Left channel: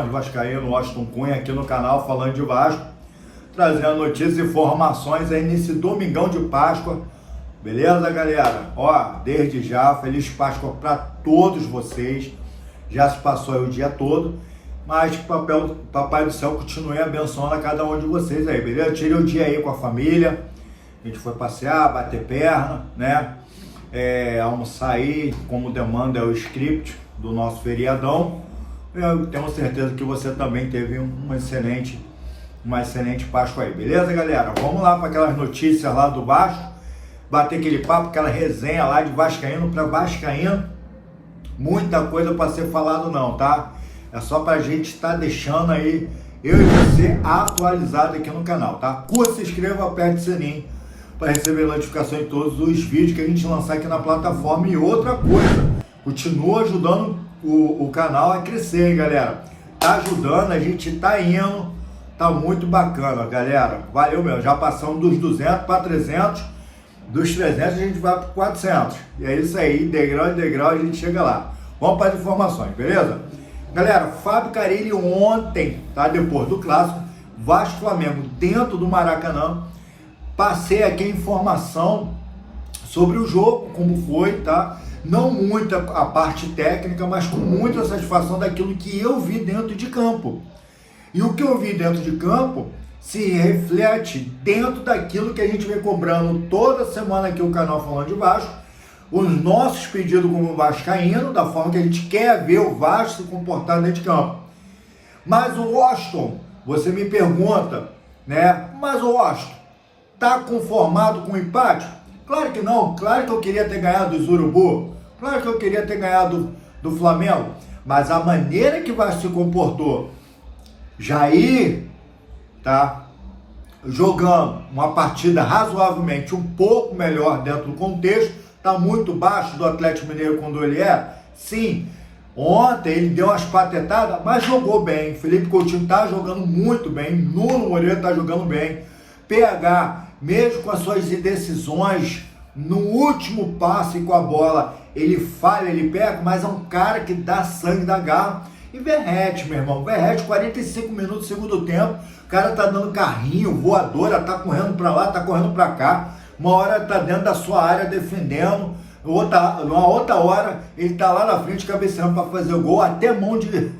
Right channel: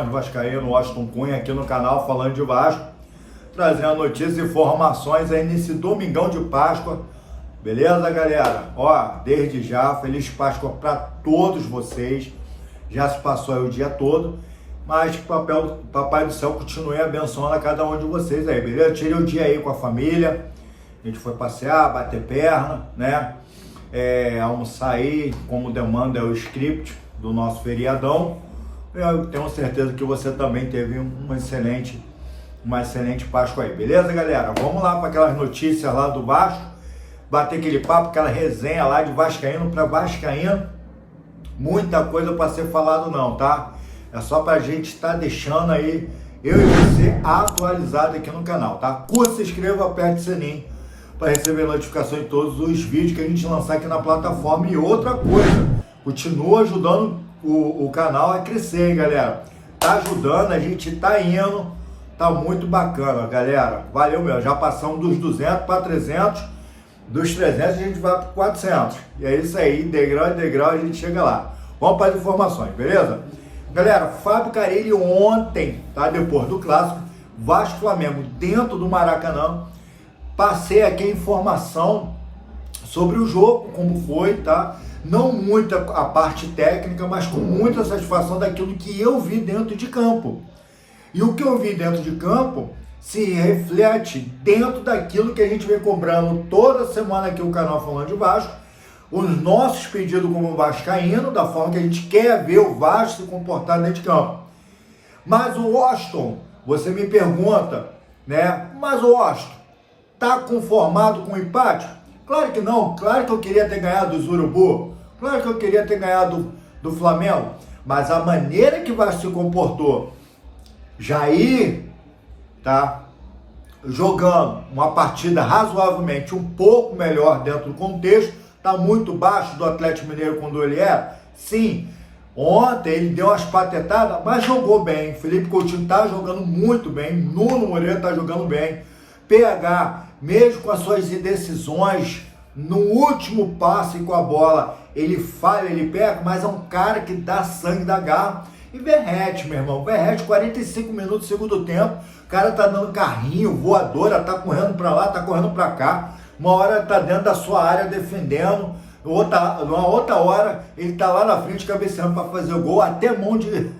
Informações Vascaíno, Washington Cunha, aqui no canal Falando de Vasco, trazendo notícias e informações aí nesse domingão de Páscoa, beleza, galera? Ó, desde já, Feliz Páscoa para todos vocês, já se passou aí o dia todo, mas que o Papai do Céu continue abençoando a cada um de vocês aí, beleza? Tirei o dia aí com a família, a gente foi passear, bater perna, né? Almoçar aí, como demanda é o script do nosso feriadão. Eu tenho certeza que você também teve uma excelente Páscoa aí, beleza, galera? Vamos lá para aquelas notícias lá do Vasco, bater aquele papo, aquela resenha lá de vascaíno para vascaíno. Muita coisa para ser falado não, tá? É só pra gente estar deixando aí, eu e você, atualizado aqui no canal, tá? Curta, se inscreva, aperte o sininho para receber notificação em todos os vídeos que a gente lançar aqui na plataforma. E outra coisa, continua ajudando o canal a crescer, hein, galera? Tá ajudando, a gente tá indo, tá muito bacana, galera. Valeu mesmo, já passamos dos 200 para 300, dos 300 a gente vai para 400. E é isso aí, degrau em degrau a gente chega lá. Vamos para as informações, beleza? Galera, Fábio Carille ontem, tá? Depois do clássico, Vasco Flamengo dentro do Maracanã, passei aqui a informação sobre o jogo, como foi, tá? Não muita a parte técnica, mas com muita satisfação daquilo que eu vi dentro de campo. E o que eu vi dentro de campo se reflete dentro daquilo que a gente vem cobrando toda semana aqui no canal Falando de Vasco, os nossos pedidos como vascaíno, da forma que a gente quer ver o Vasco se comportar dentro de campo. Mas o Washington, você me pergunta, né? Mas o Washington tá conformado com o empate? Claro que não, claro que eu queria ter ganhado dos Urubu, claro que eu queria ter ganhado do Flamengo, mas a maneira que o Vasco se comportou, Jair, tá? Jogando uma partida razoavelmente um pouco melhor dentro do contexto, tá muito baixo do Atlético Mineiro quando ele é, sim. Ontem ele deu umas patetadas, mas jogou bem. Felipe Coutinho tá jogando muito bem, Nuno Moreira tá jogando bem. PH, mesmo com as suas indecisões, no último passe com a bola, ele falha, ele pega, mas é um cara que dá sangue, dá garra. E Verratti, meu irmão, Verratti, 45 minutos do segundo tempo, o cara tá dando carrinho, voadora, tá correndo pra lá, tá correndo pra cá, uma hora tá dentro da sua área defendendo, numa outra hora ele tá lá na frente cabeceando pra fazer o gol, até mão de...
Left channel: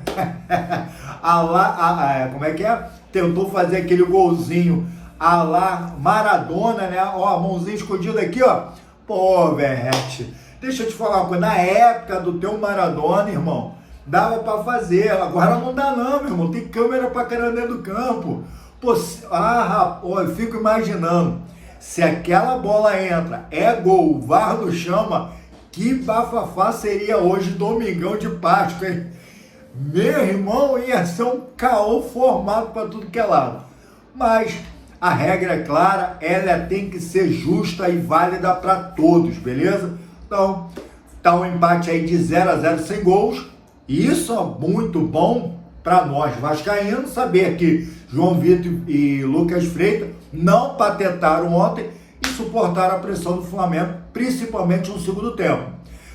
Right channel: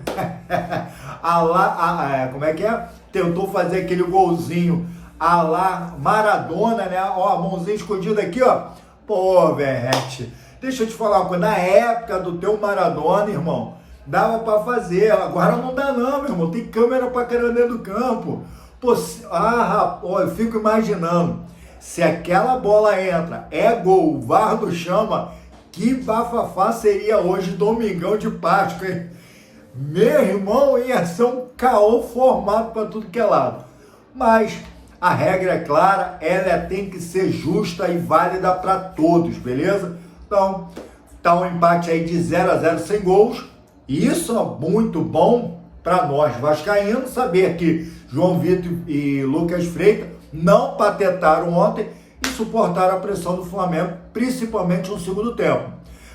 como é que é? Tentou fazer aquele golzinho a lá Maradona, né? Ó, a mãozinha escondida aqui, ó. Pô, Verratti, deixa eu te falar uma coisa, na época do teu Maradona, irmão, dava pra fazer, agora não dá não, meu irmão, tem câmera pra caramba dentro do campo. Pô, rapaz, eu fico imaginando, se aquela bola entra, é gol, o VAR não chama, que bafafá seria hoje, domingão de Páscoa, hein? Meu irmão, ia ser um caô formado pra tudo que é lado. Mas a regra é clara, ela tem que ser justa e válida para todos, beleza? Então, tá um empate aí de 0-0 sem gols. E isso é muito bom para nós vascaínos, saber que João Vitor e Lucas Freitas não patetaram ontem e suportaram a pressão do Flamengo, principalmente no segundo tempo.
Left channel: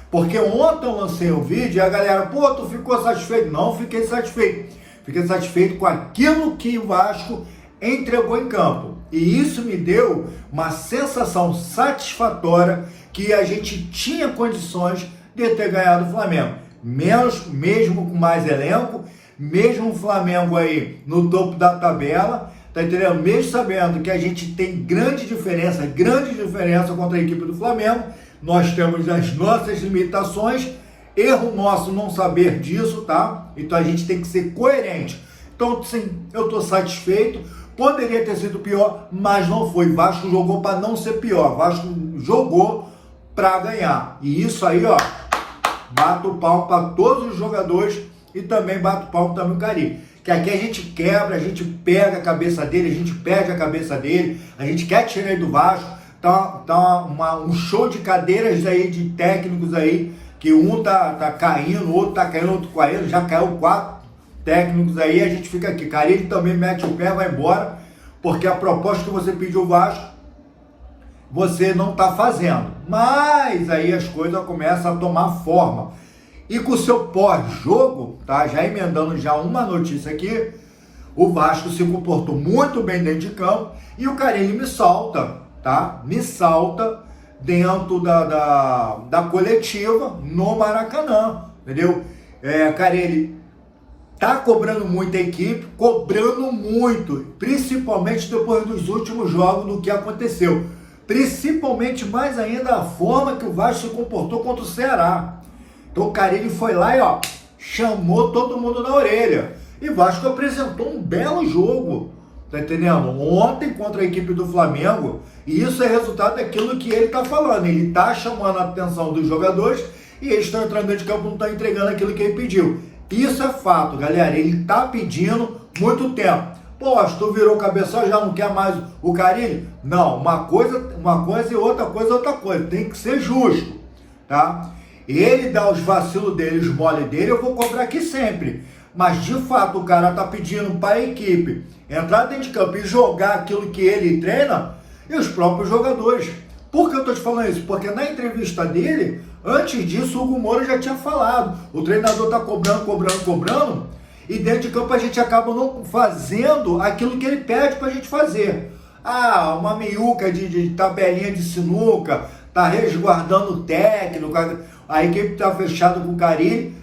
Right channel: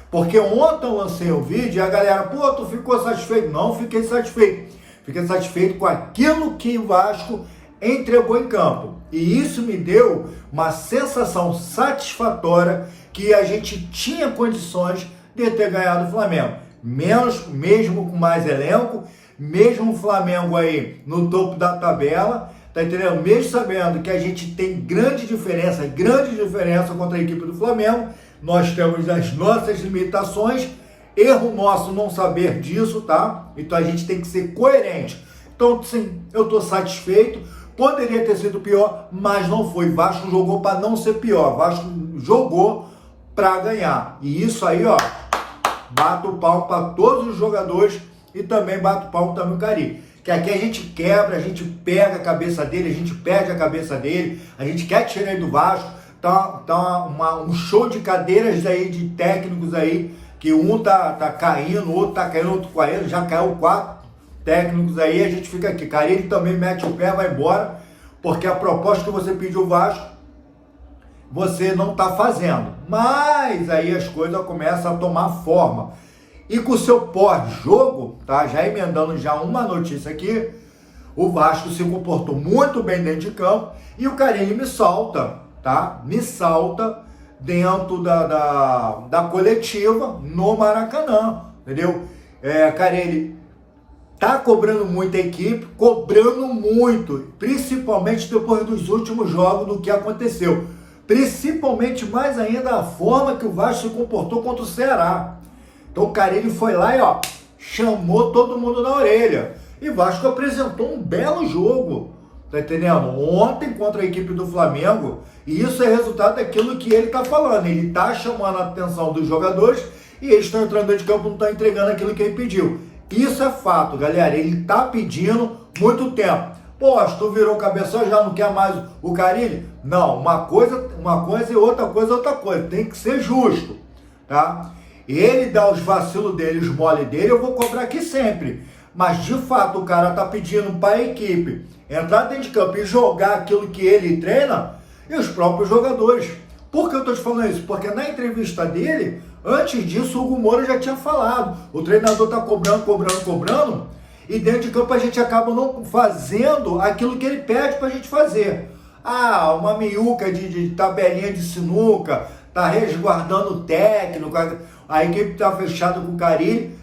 Porque ontem eu lancei um vídeo e a galera, pô, tu ficou satisfeito? Não fiquei satisfeito. Fiquei satisfeito com aquilo que o Vasco entregou em campo. E isso me deu uma sensação satisfatória que a gente tinha condições de ter ganhado o Flamengo. Mesmo com mais elenco, mesmo o Flamengo aí no topo da tabela, tá entendendo? Mesmo sabendo que a gente tem grande diferença contra a equipe do Flamengo, nós temos as nossas limitações, erro nosso não saber disso, tá? Então a gente tem que ser coerente. Então, sim, eu tô satisfeito, poderia ter sido pior, mas não foi. Vasco jogou para não ser pior, Vasco jogou para ganhar. E isso aí, ó, bato o pau para todos os jogadores e também bato o pau para o Carille. Que aqui a gente quebra, a gente pega a cabeça dele, a gente perde a cabeça dele, a gente quer tirar ele do Vasco. Tá um show de cadeiras aí, de técnicos aí, que um tá caindo, o outro tá caindo, outro caindo, já caiu 4 técnicos aí, a gente fica aqui. Carille também mete o pé, vai embora, porque a proposta que você pediu o Vasco, você não tá fazendo. Mas aí as coisas começam a tomar forma. E com o seu pós-jogo, tá? Já emendando já uma notícia aqui, o Vasco se comportou muito bem dentro de campo e o Carille me salta, tá? Me salta dentro da coletiva no Maracanã, entendeu? Carille tá cobrando muito a equipe, cobrando muito, principalmente depois dos últimos jogos do que aconteceu. Principalmente mais ainda a forma que o Vasco se comportou contra o Ceará. Então o Carille foi lá e chamou todo mundo na orelha. E o Vasco apresentou um belo jogo, tá entendendo? Ontem contra a equipe do Flamengo. E isso é resultado daquilo que ele tá falando. Ele tá chamando a atenção dos jogadores e eles estão entrando dentro de campo e não estão entregando aquilo que ele pediu. Isso é fato, galera. Ele tá pedindo muito tempo. Pô, tu virou o cabeção, já não quer mais o Carille? Não, uma coisa e outra coisa. Tem que ser justo, tá? Ele dá os vacilos dele, os mole dele, eu vou cobrar aqui sempre. Mas, de fato, o cara tá pedindo para a equipe entrar dentro de campo e jogar aquilo que ele treina e os próprios jogadores. Por que eu tô te falando isso? Porque na entrevista dele, antes disso, o Hugo Moura já tinha falado. O treinador tá cobrando, e dentro de campo a gente acaba não fazendo aquilo que ele pede pra gente fazer. Uma miúca de tabelinha de sinuca, tá resguardando o técnico, a equipe tá fechada com o Carille.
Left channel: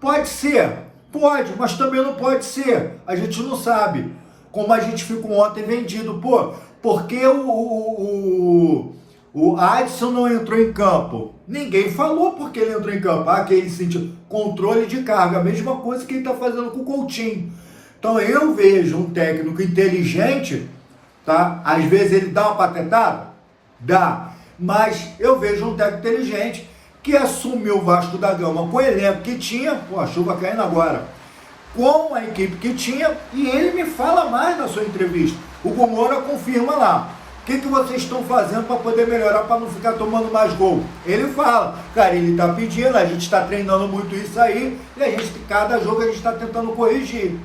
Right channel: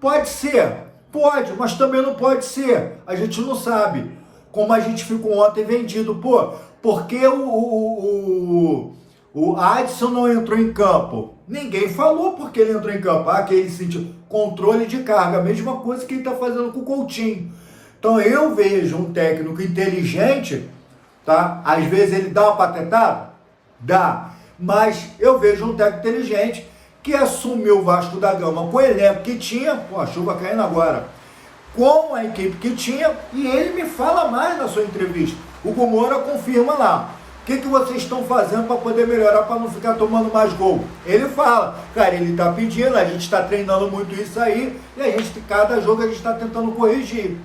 Pode ser, pode, mas também não pode ser. A gente não sabe. Como a gente ficou ontem vendido. Pô, por que o Adson não entrou em campo? Ninguém falou porque ele entrou em campo. Que ele sentiu controle de carga. A mesma coisa que ele está fazendo com o Coutinho. Então eu vejo um técnico inteligente, tá? Às vezes ele dá uma patetada? Dá. Mas eu vejo um técnico inteligente que assumiu o Vasco da Gama com o elenco que tinha. Pô, a chuva caindo agora. Com a equipe que tinha. E ele me fala mais na sua entrevista. O Hugo Moura confirma lá. O que vocês estão fazendo para poder melhorar, para não ficar tomando mais gol? Ele fala, cara, ele está pedindo, a gente está treinando muito isso aí, e a gente, cada jogo a gente está tentando corrigir.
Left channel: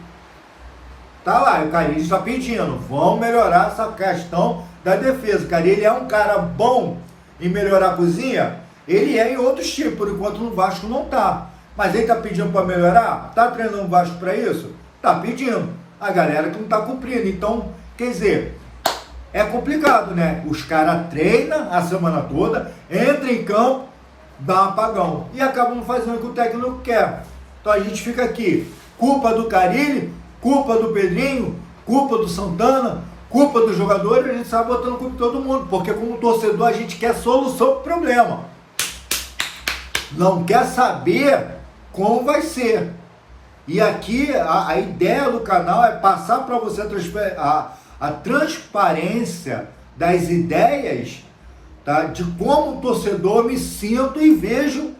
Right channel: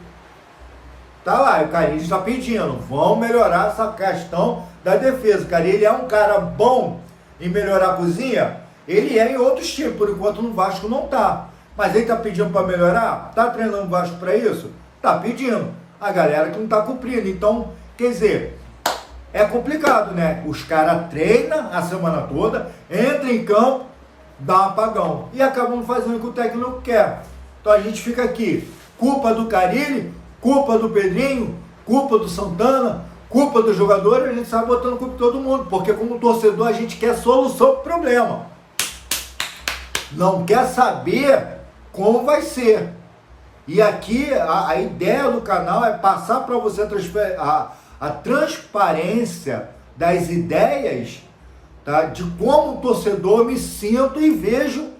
Tá lá, o Carille está pedindo, vamos melhorar essa questão da defesa. O Carille é um cara bom em melhorar a cozinha, ele é em outros tipos, por enquanto no Vasco não tá. Mas ele está pedindo para melhorar? Tá treinando o Vasco para isso? Tá pedindo. A galera que não está cumprindo. Então, quer dizer, é complicado, né? Os caras treinam a semana toda, entram em campo, dá um apagão. E acabam fazendo o que o técnico quer. Então a gente fica aqui. Culpa do Carille, culpa do Pedrinho, culpa do Santana, culpa dos jogadores, a gente sai botando culpa de todo mundo. Porque como torcedor a gente quer solução para o problema. Não quer saber como vai ser. E aqui a ideia do canal é passar para você a transparência das ideias, tá? De como o torcedor me sinto e vejo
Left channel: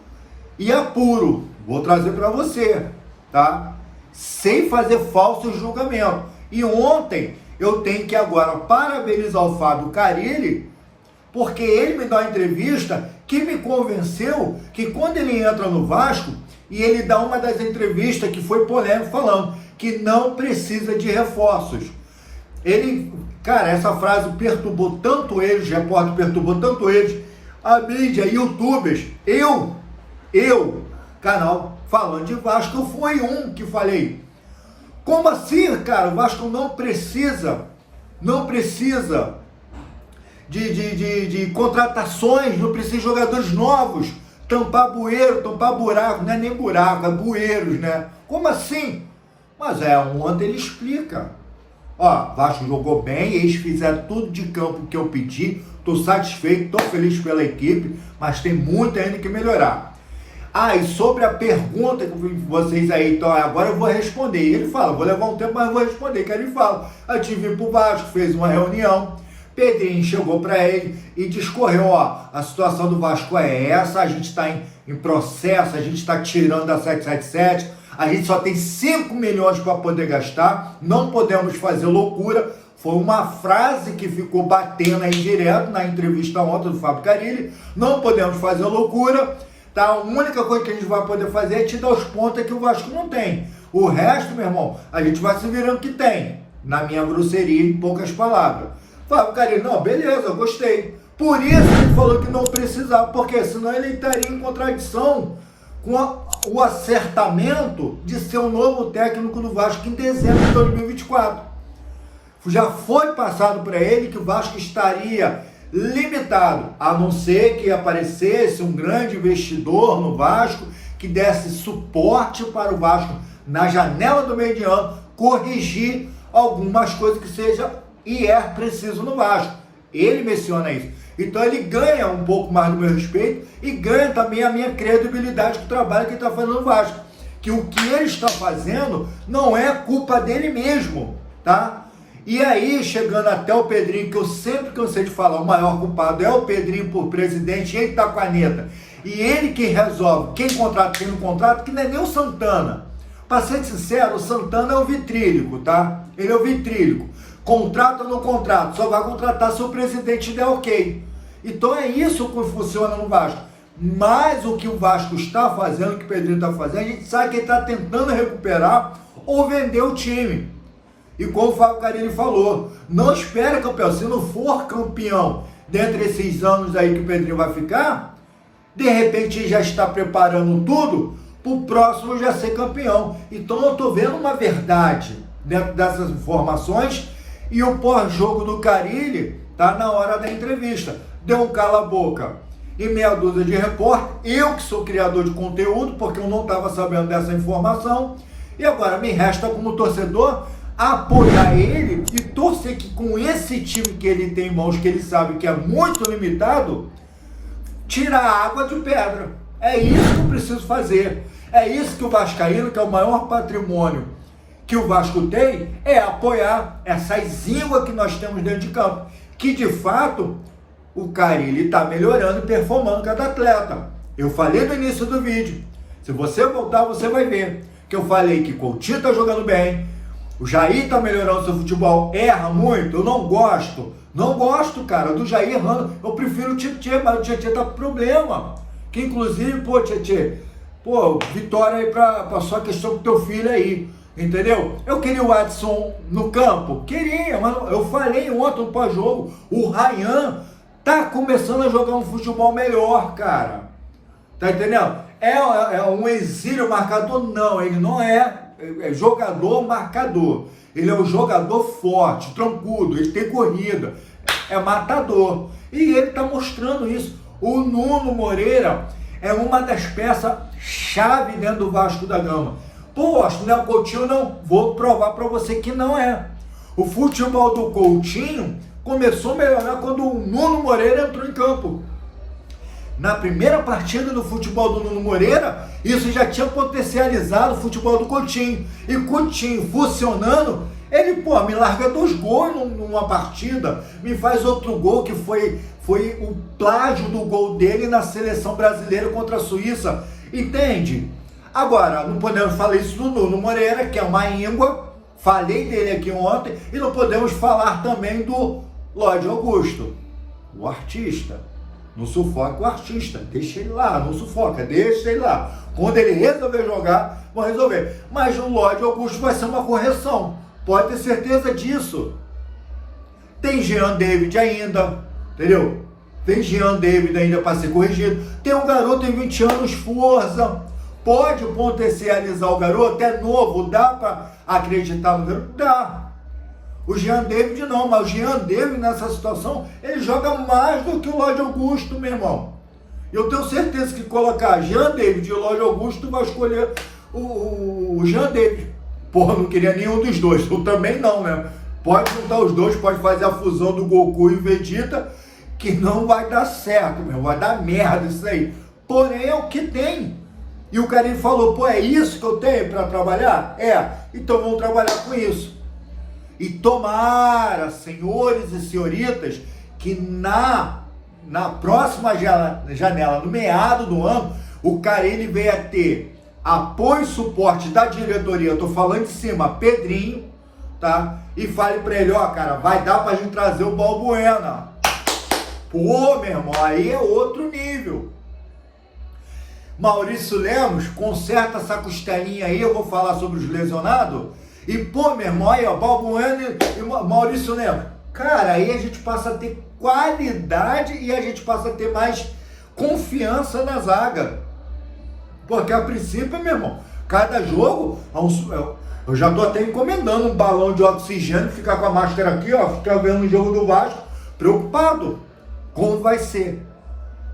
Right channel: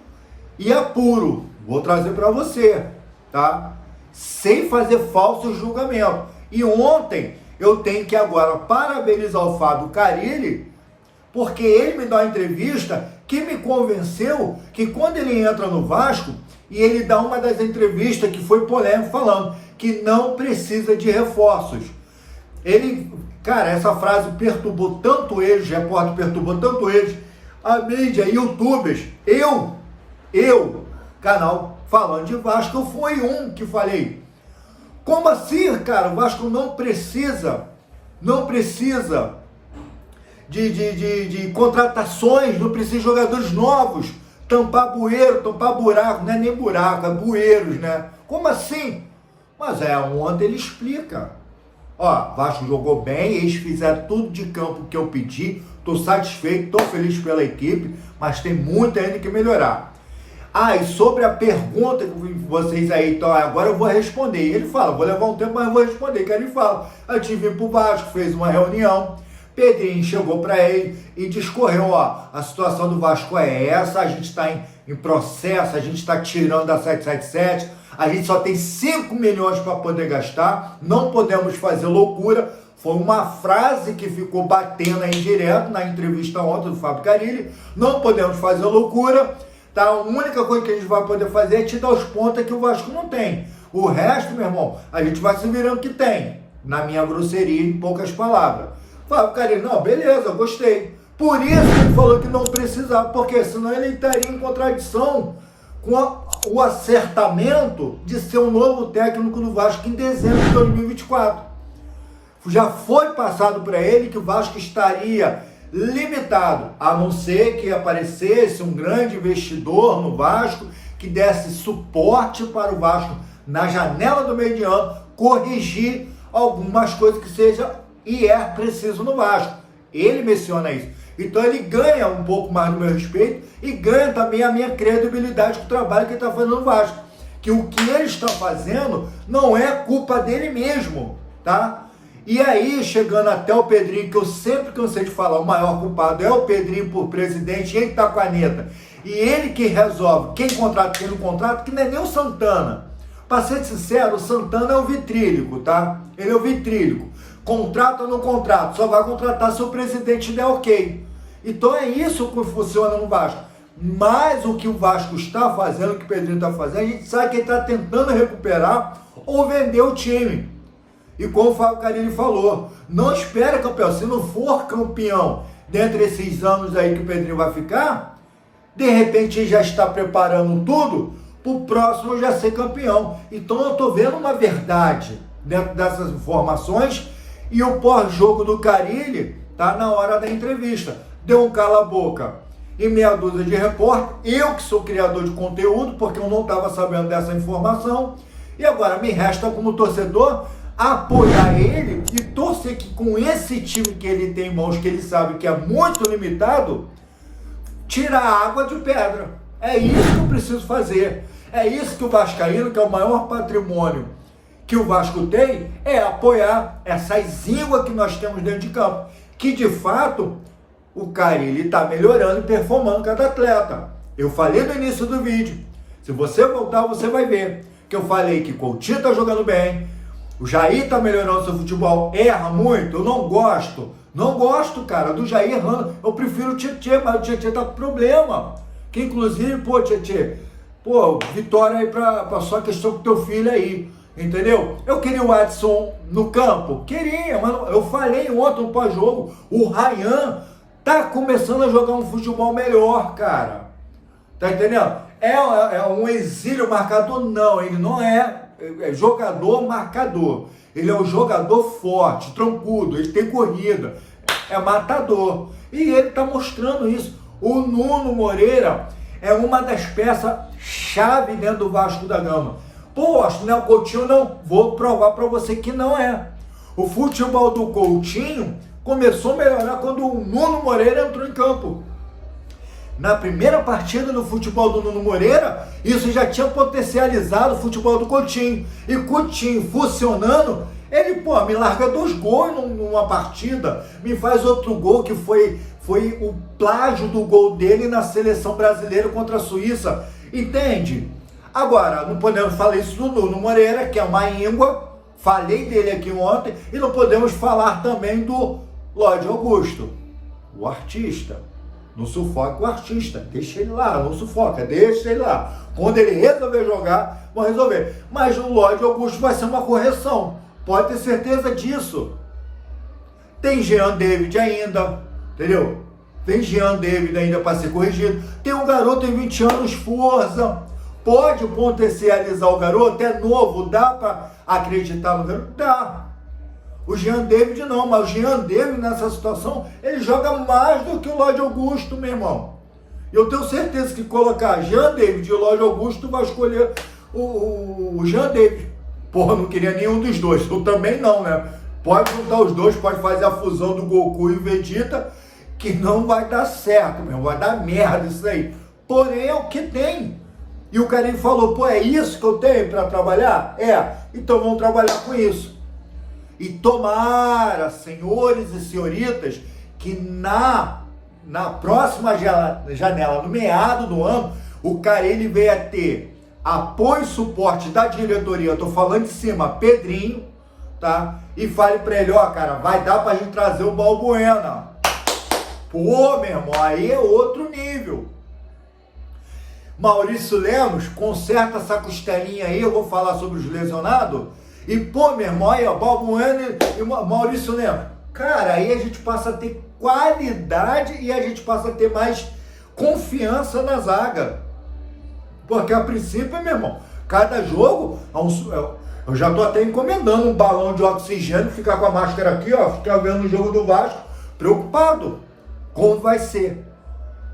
e apuro. Vou trazer para você, tá? Sem fazer falso julgamento. E ontem eu tenho que agora parabenizar o Fábio Carille, porque ele me dá uma entrevista que me convenceu que quando ele entra no Vasco, e ele dá uma das entrevistas que foi polêmica falando que não precisa de reforços. Ele, cara, essa frase perturbou tanto eles, repórter perturbou tanto eles, a mídia, youtubers, canal falando de Vasco, eu fui um que falei, como assim, cara, o Vasco não precisa de contratações, não precisa de jogadores novos, tampar bueiro, tampar buraco, não é nem buraco, é bueiros, né? Como assim? Mas ontem ele explica. Vasco jogou bem, eles fizeram tudo de campo que eu pedi, tô satisfeito, tô feliz pela equipe, mas tem muito ainda que melhorar. E sobre a pergunta que vocês aí, então agora eu vou responder. E ele fala, vou levar um tempo, mas eu vou responder. Que ele fala, a gente veio pro Vasco, fez uma reunião, Pedrinho chegou para ele e discorreu, a situação do Vasco é essa, a gente está em processo, a gente está tirando da 777, a gente só tem 5 milhões para poder gastar, não podemos fazer loucura. Foi uma frase que ficou batendo aí direto na entrevista ontem do Fábio Carille, não podemos fazer loucura, tá? A única coisa que a gente vai poder fazer é te dar os pontos que o Vasco não tem. O resto, meu irmão, a gente vai se virando que tem, na minha grosseria, em poucas palavras. Fábio Carille, não, beleza, eu gostei. Por isso ele falou que não precisava, porque senão ele estaria em contradição com o acertamento de ser o novo técnico do Vasco em dezembro de 2024. Já foi passado para ele que o Vasco estaria limitado, a não ser que aparecesse um grande investidor no Vasco que desse suporte para o Vasco na janela do meio de ano corrigir algumas coisas que seja e é preciso no Vasco. Ele menciona isso. Então ele ganha um pouco mais do meu respeito e ganha também a minha credibilidade com o trabalho que ele está fazendo no Vasco. Que o que ele está fazendo não é culpa dele mesmo, tá? E aí, chegando até o Pedrinho, que eu sempre cansei de falar, o maior culpado é o Pedrinho por presidente, ele tá com a caneta. E ele que resolve quem contrata, quem não contrata, que não é nem o Santana. Para ser sincero, o Santana é o vitrílico, tá? Ele é o vitrílico. Contrata ou não contrata, só vai contratar se o presidente der ok. Então é isso que funciona no Vasco. Mas o que o Vasco está fazendo, o que o Pedrinho está fazendo, a gente sabe que ele está tentando recuperar ou vender o time. E como o Fábio Carilli falou, não espera campeão. Se não for campeão dentro desses anos aí que o Pedrinho vai ficar, de repente já está preparando tudo para o próximo já ser campeão. Então eu estou vendo uma verdade dentro dessas informações e o pós-jogo do Carilli tá na hora da entrevista. Deu um cala-boca e meia dúzia de repórter. Eu que sou criador de conteúdo, porque eu não estava sabendo dessa informação. E agora me resta como torcedor apoiar ele e torcer que com esse time que ele tem em mãos, que ele sabe que é muito limitado, tirar a água de pedra. É isso que eu preciso fazer. É isso que o vascaíno, que é o maior patrimônio que o Vasco tem, é apoiar essas ínguas que nós temos dentro de campo. Que de fato o Carilli está melhorando e performando cada atleta. Eu falei no início do vídeo. Se você voltar, você vai ver que eu falei que Coutinho está jogando bem, o Jair tá melhorando seu futebol, erra muito, eu não gosto, cara, do Jair errando, eu prefiro o Tietê, mas o Tietê tá com problema, que inclusive, Tietê, vitória aí pra sua questão com teu filho aí, entendeu? Eu queria o Adson no campo, queria, mas eu falei ontem no pós-jogo, o Ryan tá começando a jogar um futebol melhor, cara, tá entendendo? É um exílio marcador? Não, ele não é jogador marcador. Ele é um jogador forte, troncudo, ele tem corrida, é matador. E ele está mostrando isso. O Nuno Moreira é uma das peças-chave dentro do Vasco da Gama. Acho que não é o Coutinho, não. Vou provar para você que não é. O futebol do Coutinho começou a melhorar quando o Nuno Moreira entrou em campo. Na primeira partida do futebol do Nuno Moreira, isso já tinha potencializado o futebol do Coutinho. E Coutinho funcionando, ele, me larga 2 gols numa partida, me faz outro gol que foi o plágio do gol dele na seleção brasileira contra a Suíça. Entende? Agora, não podemos falar isso do Nuno Moreira, que é uma íngua, falei dele aqui ontem, e não podemos falar também do Lodi Augusto, o artista. Não sufoca o artista, deixa ele lá, não sufoca, deixa ele lá. Quando ele resolver jogar, vão resolver. Mas o Lodi Augusto vai ser uma correção, pode ter certeza disso. Tem Jean David ainda, entendeu? Tem Jean David ainda para ser corrigido. Tem um garoto de 20 anos, força. Pode potencializar o garoto, é novo, dá para acreditar no garoto? Dá. O Jean David não, mas o Jean David nessa situação, ele joga mais do que o Lodi Augusto, meu irmão. Eu tenho certeza que colocar Jean David e o Lodi Augusto, vai escolher o Jean David. Não queria nenhum dos dois, eu também não, né? Pode juntar os dois, pode fazer a fusão do Goku e o Vegeta, que não vai dar certo, meu irmão, vai dar merda isso aí. Porém, é o que tem. E o Carilli falou, é isso que eu tenho para trabalhar? Então vamos trabalhar com isso. E tomara, senhores e senhoritas, que na próxima janela, no meado do ano, o Carilli venha ter apoio e suporte da diretoria, eu tô falando de cima, Pedrinho, tá? E fale pra ele, cara, vai dar pra gente trazer o Balbuena. Meu irmão, aí é outro nível. Maurício Lemos, conserta essa costelinha aí, eu vou falar sobre os lesionados. E, meu irmão, aí, Balbuena e Maurício Lemos. Cara, aí a gente passa a ter qualidade e a gente passa a ter mais confiança na zaga. Porque a princípio, meu irmão, cada jogo, eu já tô até encomendando um balão de oxigênio, ficar com a máscara aqui, ó, ficar vendo o jogo do Vasco, preocupado como vai ser,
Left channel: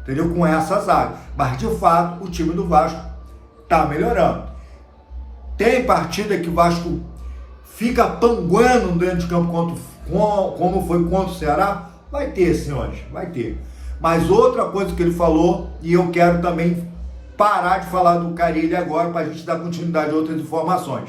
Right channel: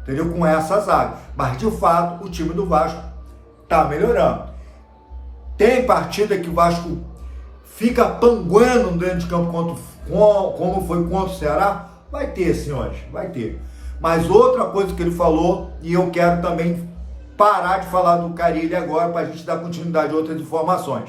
entendeu? Com essa zaga. Mas de fato, o time do Vasco tá melhorando. Tem partida que o Vasco fica panguando dentro de campo como foi contra o Ceará? Vai ter, senhores, vai ter. Mas outra coisa que ele falou, e eu quero também parar de falar do Carille agora para a gente dar continuidade a outras informações.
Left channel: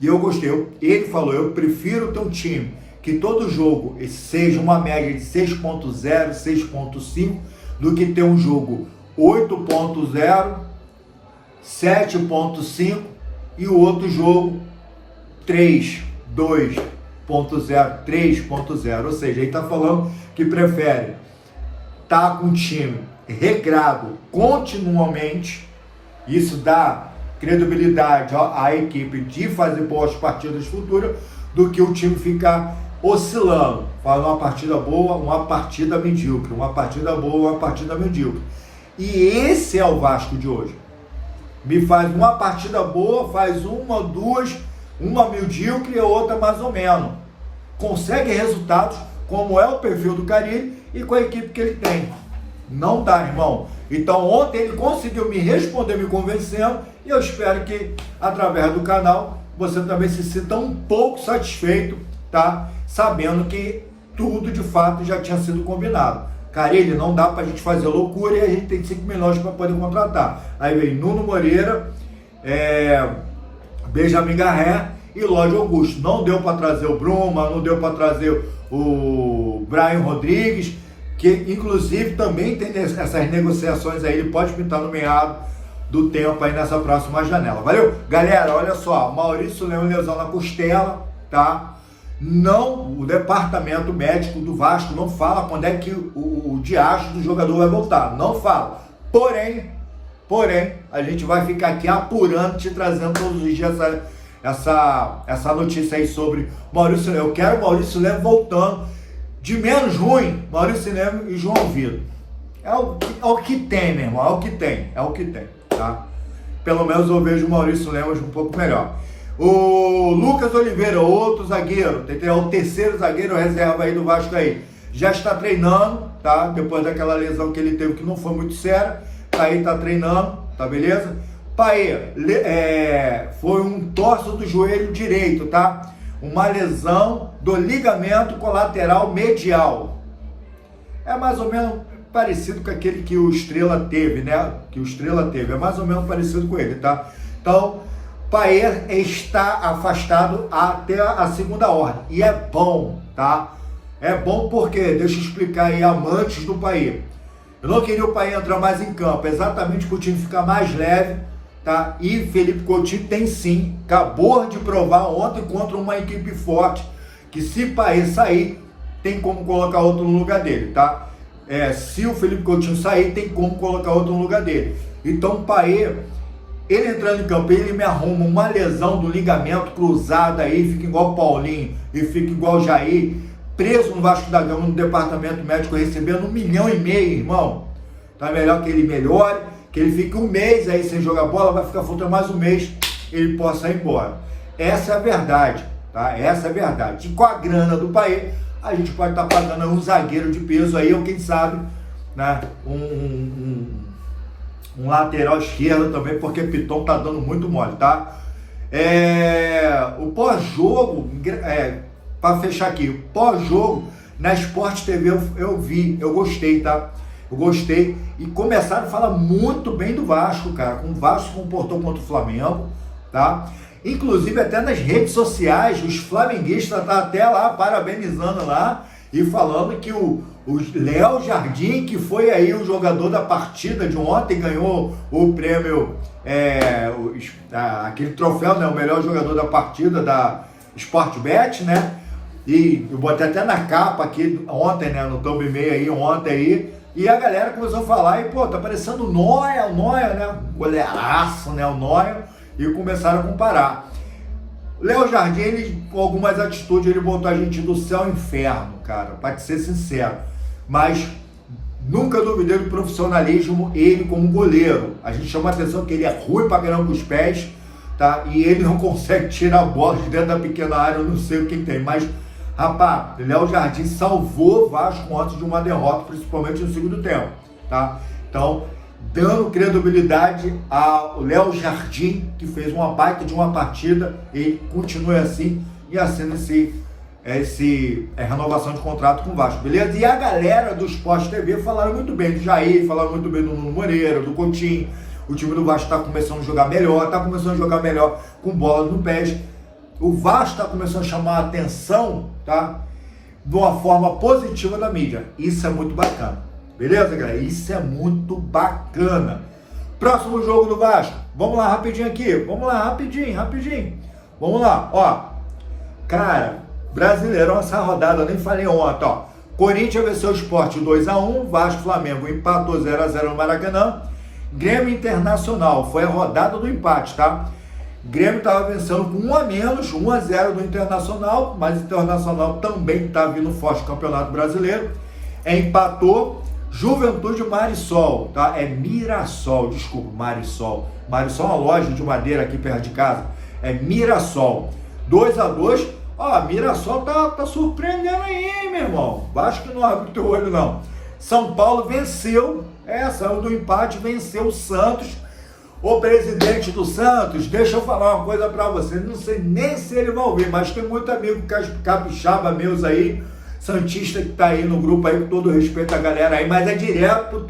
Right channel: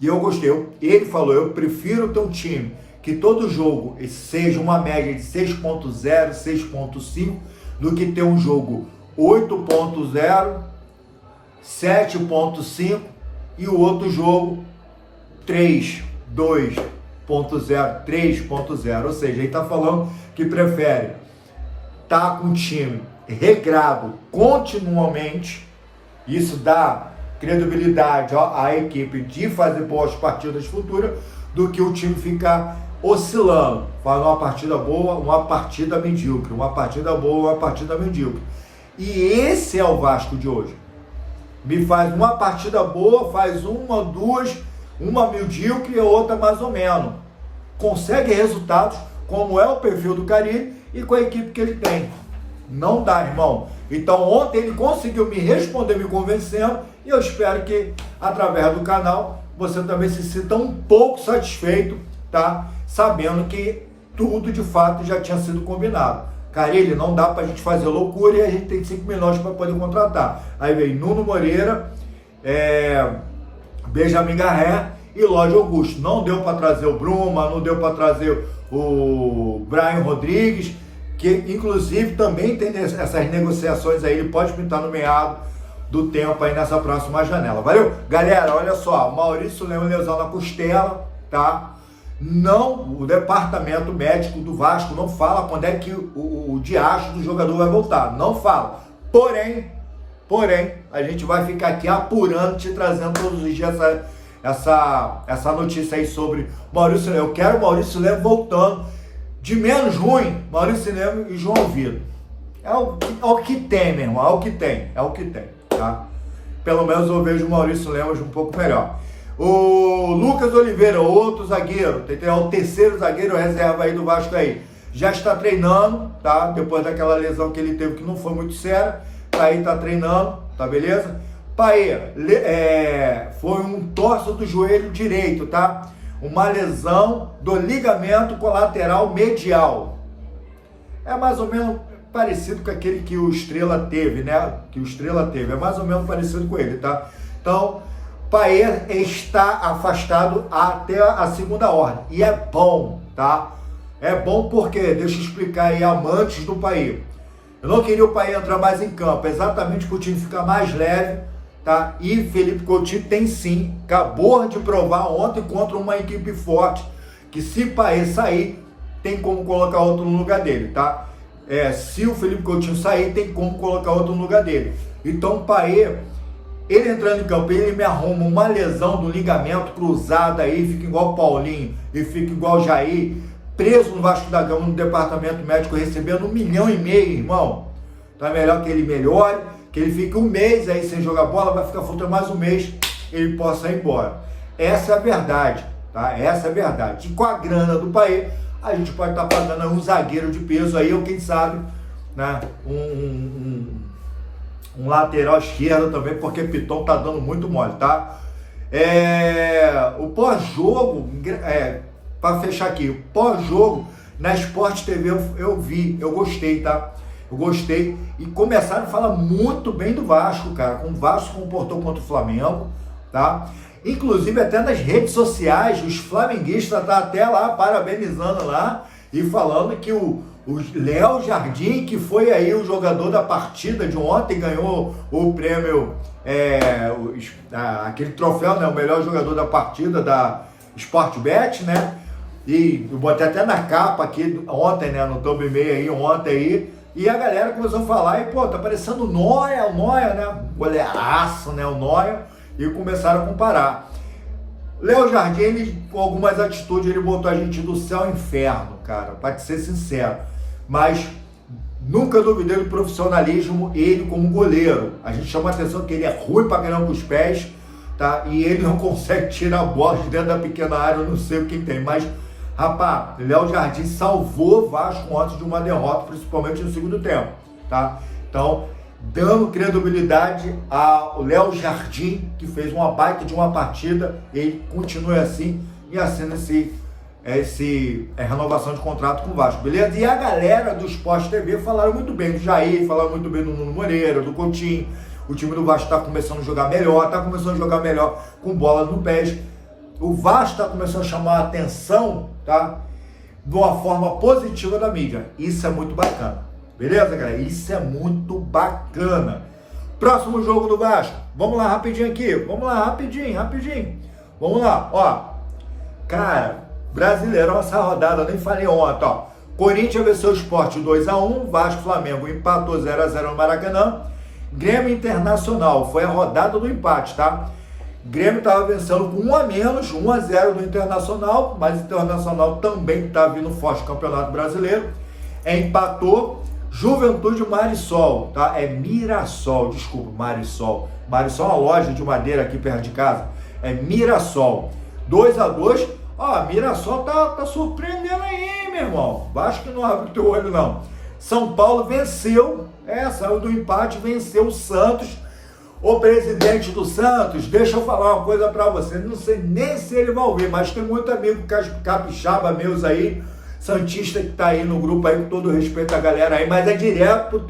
E eu gostei. Ele falou, eu prefiro ter um time que todo jogo seja uma média de 6.0, 6.5, do que ter um jogo 8.0, 7.5 e o outro jogo 3, 2.0, 3.0. Ou seja, ele está falando que prefere estar com um time regrado continuamente. Isso dá credibilidade à equipe de fazer boas partidas futuras, do que o time ficar oscilando, faz uma partida boa, uma partida medíocre, uma partida boa, uma partida medíocre. E esse é o Vasco de hoje. Me faz uma partida boa, faz uma, duas, uma medíocre e outra mais ou menos. Consegue resultados, como é o perfil do Carille e com a equipe que ele tem. Não dá, irmão. Então ontem ele conseguiu me responder, me convencendo, e eu espero que através do canal você também se sinta um pouco satisfeito, tá? Sabendo que tudo de fato já tinha sido combinado. Carille, não dá pra gente fazer loucura e a gente tem 5 milhões para poder contratar. Aí veio Nuno Moreira, Benjamin Garré e Lodge Augusto. Não deu para trazer o Bruma, não deu para trazer o Brian Rodrigues, que inclusive também tem essas negociações aí, ele pode pintar no meado do tempo aí nessa próxima janela. Valeu? Galera, olha só, Maurício Lema, lesão na costela, tá? Não, o departamento médico do Vasco não fala quando é que o diacho do jogador vai voltar, não fala. Porém, a gente vai ficar aqui apurando, te trazendo todos os dias essa notícia aí sobre Maurício Lema. Eu quero o Maurício Lema voltando. De menos ruim, Maurício Lema e João Vitor. É o que tem, meu irmão, é o que tem, tá? Pelo menos eu vejo o Maurício Lema um pouco melhor. O Lucas Oliveira, outro zagueiro, é o terceiro zagueiro reserva aí do Vasco aí. Já está treinando, tá? Depois daquela lesão que ele teve, que não foi muito séria, aí tá treinando, tá beleza? Paê, foi um torso do joelho direito, tá? Uma lesão do ligamento colateral medial. É mais ou menos parecido com aquele que o Estrela teve, né? É mais ou menos parecido com ele, tá? Então, Paê está afastado até a segunda ordem. E é bom, tá? É bom porque, deixa eu explicar aí, amantes do Paê. Eu não queria o Paê entrar mais em campo, exatamente para o time ficar mais leve, tá? E Felipe Coutinho tem sim, acabou de provar ontem contra uma equipe forte, que se Paê sair, tem como colocar outro no lugar dele, tá? Se o Felipe Coutinho sair, tem como colocar outro no lugar dele. Então o Paê, ele entrando em campo, ele me arruma uma lesão do ligamento cruzado aí, fica igual o Paulinho e fica igual o Jair, preso no Vasco da Gama, no departamento médico, recebendo 1,5 milhão, irmão. Tá melhor que ele melhore, que ele fique um mês aí sem jogar bola, vai ficar faltando mais um mês, ele possa ir embora. Essa é a verdade, tá? Essa é a verdade. E com a grana do Paê, a gente pode estar pagando um zagueiro de peso aí, ou quem sabe, né, um lateral esquerdo também, porque Piton tá dando muito mole, tá? O pós-jogo, para fechar aqui, o pós-jogo na Sport TV eu vi, eu gostei, tá? Eu gostei e começaram a falar muito bem do Vasco, cara, como o Vasco se comportou contra o Flamengo, tá? Inclusive até nas redes sociais, os flamenguistas tá até lá parabenizando lá e falando que o Léo Jardim, que foi aí o jogador da partida de ontem, ganhou o prêmio, aquele troféu, né, o melhor jogador da partida da Sportbet, né? E eu botei até na capa aqui ontem, né, no Thumb Meio aí, ontem aí, e a galera começou a falar, e pô, tá parecendo o Noia, né, goleiraço, né, o Noia, e começaram a comparar. Léo Jardim, ele, com algumas atitudes, ele botou a gente do céu ao inferno, cara, pra te ser sincero, mas Nunca duvidei do profissionalismo, ele como goleiro. A gente chama a atenção que ele é ruim pra caramba com os pés, tá? E ele não consegue tirar a bola de dentro da pequena área, eu não sei o que tem, mas, rapaz, Léo Jardim salvou o Vasco antes de uma derrota, principalmente no segundo tempo, tá? Então, dando credibilidade ao Léo Jardim, que fez uma baita de uma partida, ele continue assim e assina renovação de contrato com o Vasco, beleza? E a galera do Sport TV falaram muito bem do Jair, falaram muito bem do Nuno Moreira, do Coutinho. O time do Vasco está começando a jogar melhor, com bola no pés. O Vasco está começando a chamar a atenção, tá? De uma forma positiva da mídia. Isso é muito bacana, beleza, galera? Isso é muito bacana. Próximo jogo do Vasco. Vamos lá rapidinho aqui. Vamos lá, rapidinho. Vamos lá, ó. Cara, Brasileirão, essa rodada, eu nem falei ontem, ó. Corinthians venceu o Sport 2-1, Vasco Flamengo empatou 0-0 no Maracanã. Grêmio Internacional, foi a rodada do empate, tá? Grêmio estava vencendo com 1 a menos, 1-0 do Internacional, mas o Internacional também está vindo forte no Campeonato Brasileiro. Empatou. Juventude Marisol, tá? É Mirassol, desculpa, Marisol. Marisol é uma loja de madeira aqui perto de casa. É Mirassol. 2-2. Ó, Mirassol tá surpreendendo aí, hein, meu irmão? Vasco que não abre o teu olho, não. São Paulo venceu, saiu do empate, venceu o Santos. O presidente do Santos, deixa eu falar uma coisa pra você, não sei nem se ele vai ouvir, mas tem muito amigo capixaba meus aí, santista que tá aí no grupo aí, com todo respeito à galera aí, mas é direto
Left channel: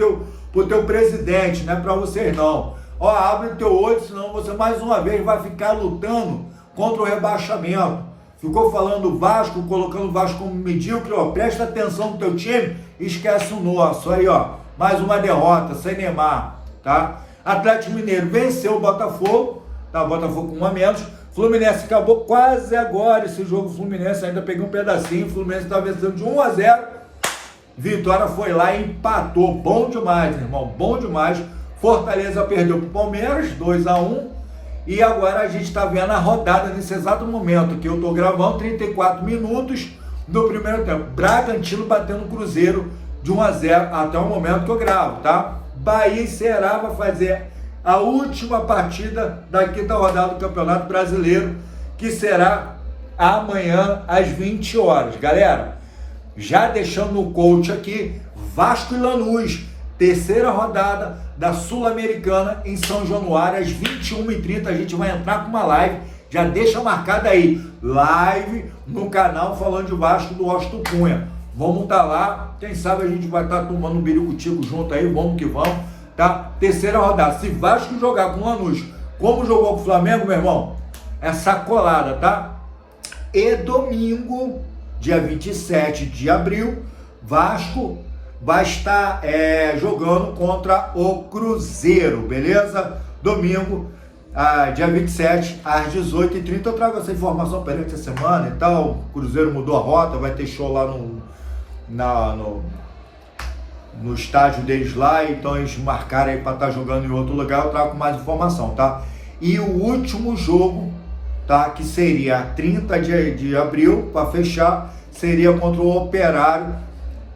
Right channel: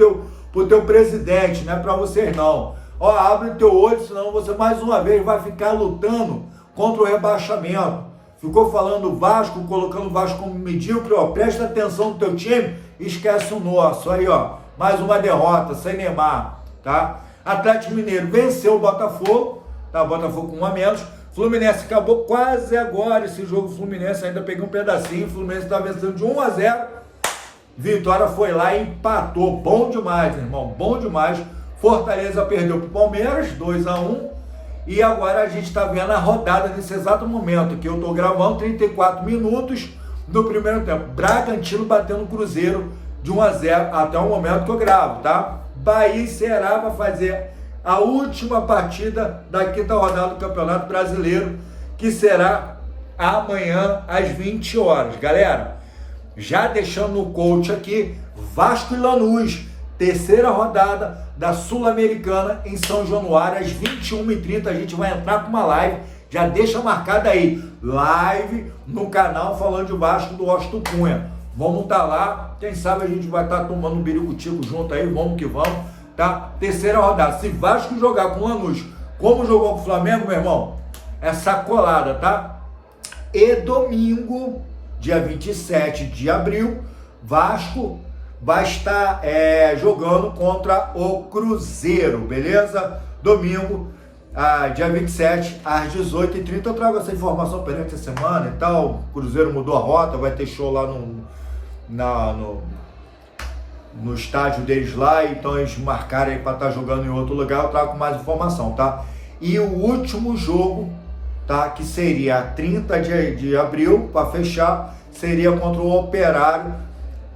pro teu presidente, não é pra vocês não. Ó, abre o teu olho, senão você mais uma vez vai ficar lutando contra o rebaixamento. Ficou falando do Vasco, colocando o Vasco como medíocre, ó, presta atenção no teu time, esquece o nosso. Aí, ó, mais uma derrota, sem Neymar, tá? Atlético Mineiro venceu o Botafogo, tá? Botafogo com 1 a menos. Fluminense acabou quase agora esse jogo, Fluminense ainda peguei um pedacinho, Fluminense tá vencendo de 1-0. Vitória foi lá e empatou, bom demais, irmão, bom demais. Fortaleza perdeu pro Palmeiras, 2-1. E agora a gente está vendo a rodada nesse exato momento que eu estou gravando, 34 minutos do primeiro tempo. Bragantino batendo o Cruzeiro de 1-0 até o momento que eu gravo, tá? Bahia e Ceará vai fazer a última partida da quinta rodada do Campeonato Brasileiro, que será amanhã às 20 horas. Galera, já deixando no coach aqui, Vasco e Lanús, terceira rodada da Sul-Americana em São Januário, às 21h30, a gente vai entrar com uma live, já deixa marcada aí, live no canal falando de Vasco do Washington Cunha. Vamos estar lá, quem sabe a gente vai estar tomando um biricutico junto aí, vamos que vamos, tá? Terceira rodada, se Vasco jogar com o Lanús, como jogou com o Flamengo, meu irmão, é sacolada, tá? E domingo, dia 27 de abril, Vasco vai estar jogando contra o Cruzeiro, beleza? Domingo, dia 27, às 18h30, eu trago essa informação perante a semana e tal. O Cruzeiro mudou a rota, vai ter show lá no estádio deles lá, então eles marcaram aí para estar jogando em outro lugar, eu trago mais informação, tá? E o último jogo, tá, que seria 30 de abril, para fechar, seria contra o Operário,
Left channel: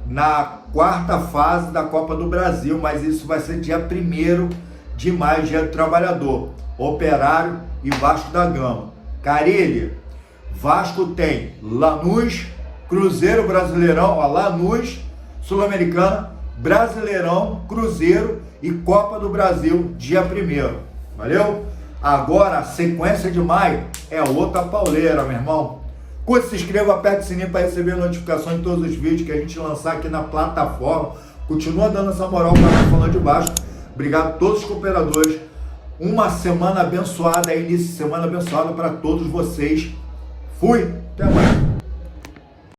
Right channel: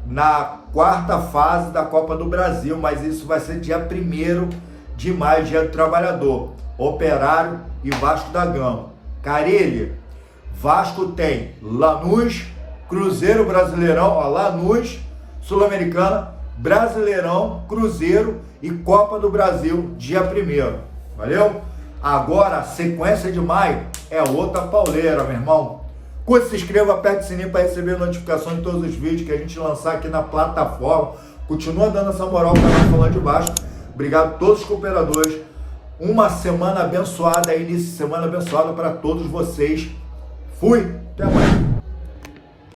na quarta fase da Copa do Brasil, mas isso vai ser dia 1º de maio, dia do trabalhador. Operário e Vasco da Gama. Carilli, Vasco tem Lanús, Cruzeiro, Brasileirão, ó, Lanús, Sul-Americana, Brasileirão, Cruzeiro e Copa do Brasil, dia 1º. Valeu? Agora, a sequência de maio é outra pauleira, meu irmão. Curte, se inscreva, aperte o sininho para receber notificações de todos os vídeos que a gente lançar aqui na plataforma. Continua dando essa moral ao canal Falando de Vasco. Obrigado a todos os cooperadores. Uma semana abençoada, início de semana abençoada para todos vocês. Fui, até amanhã.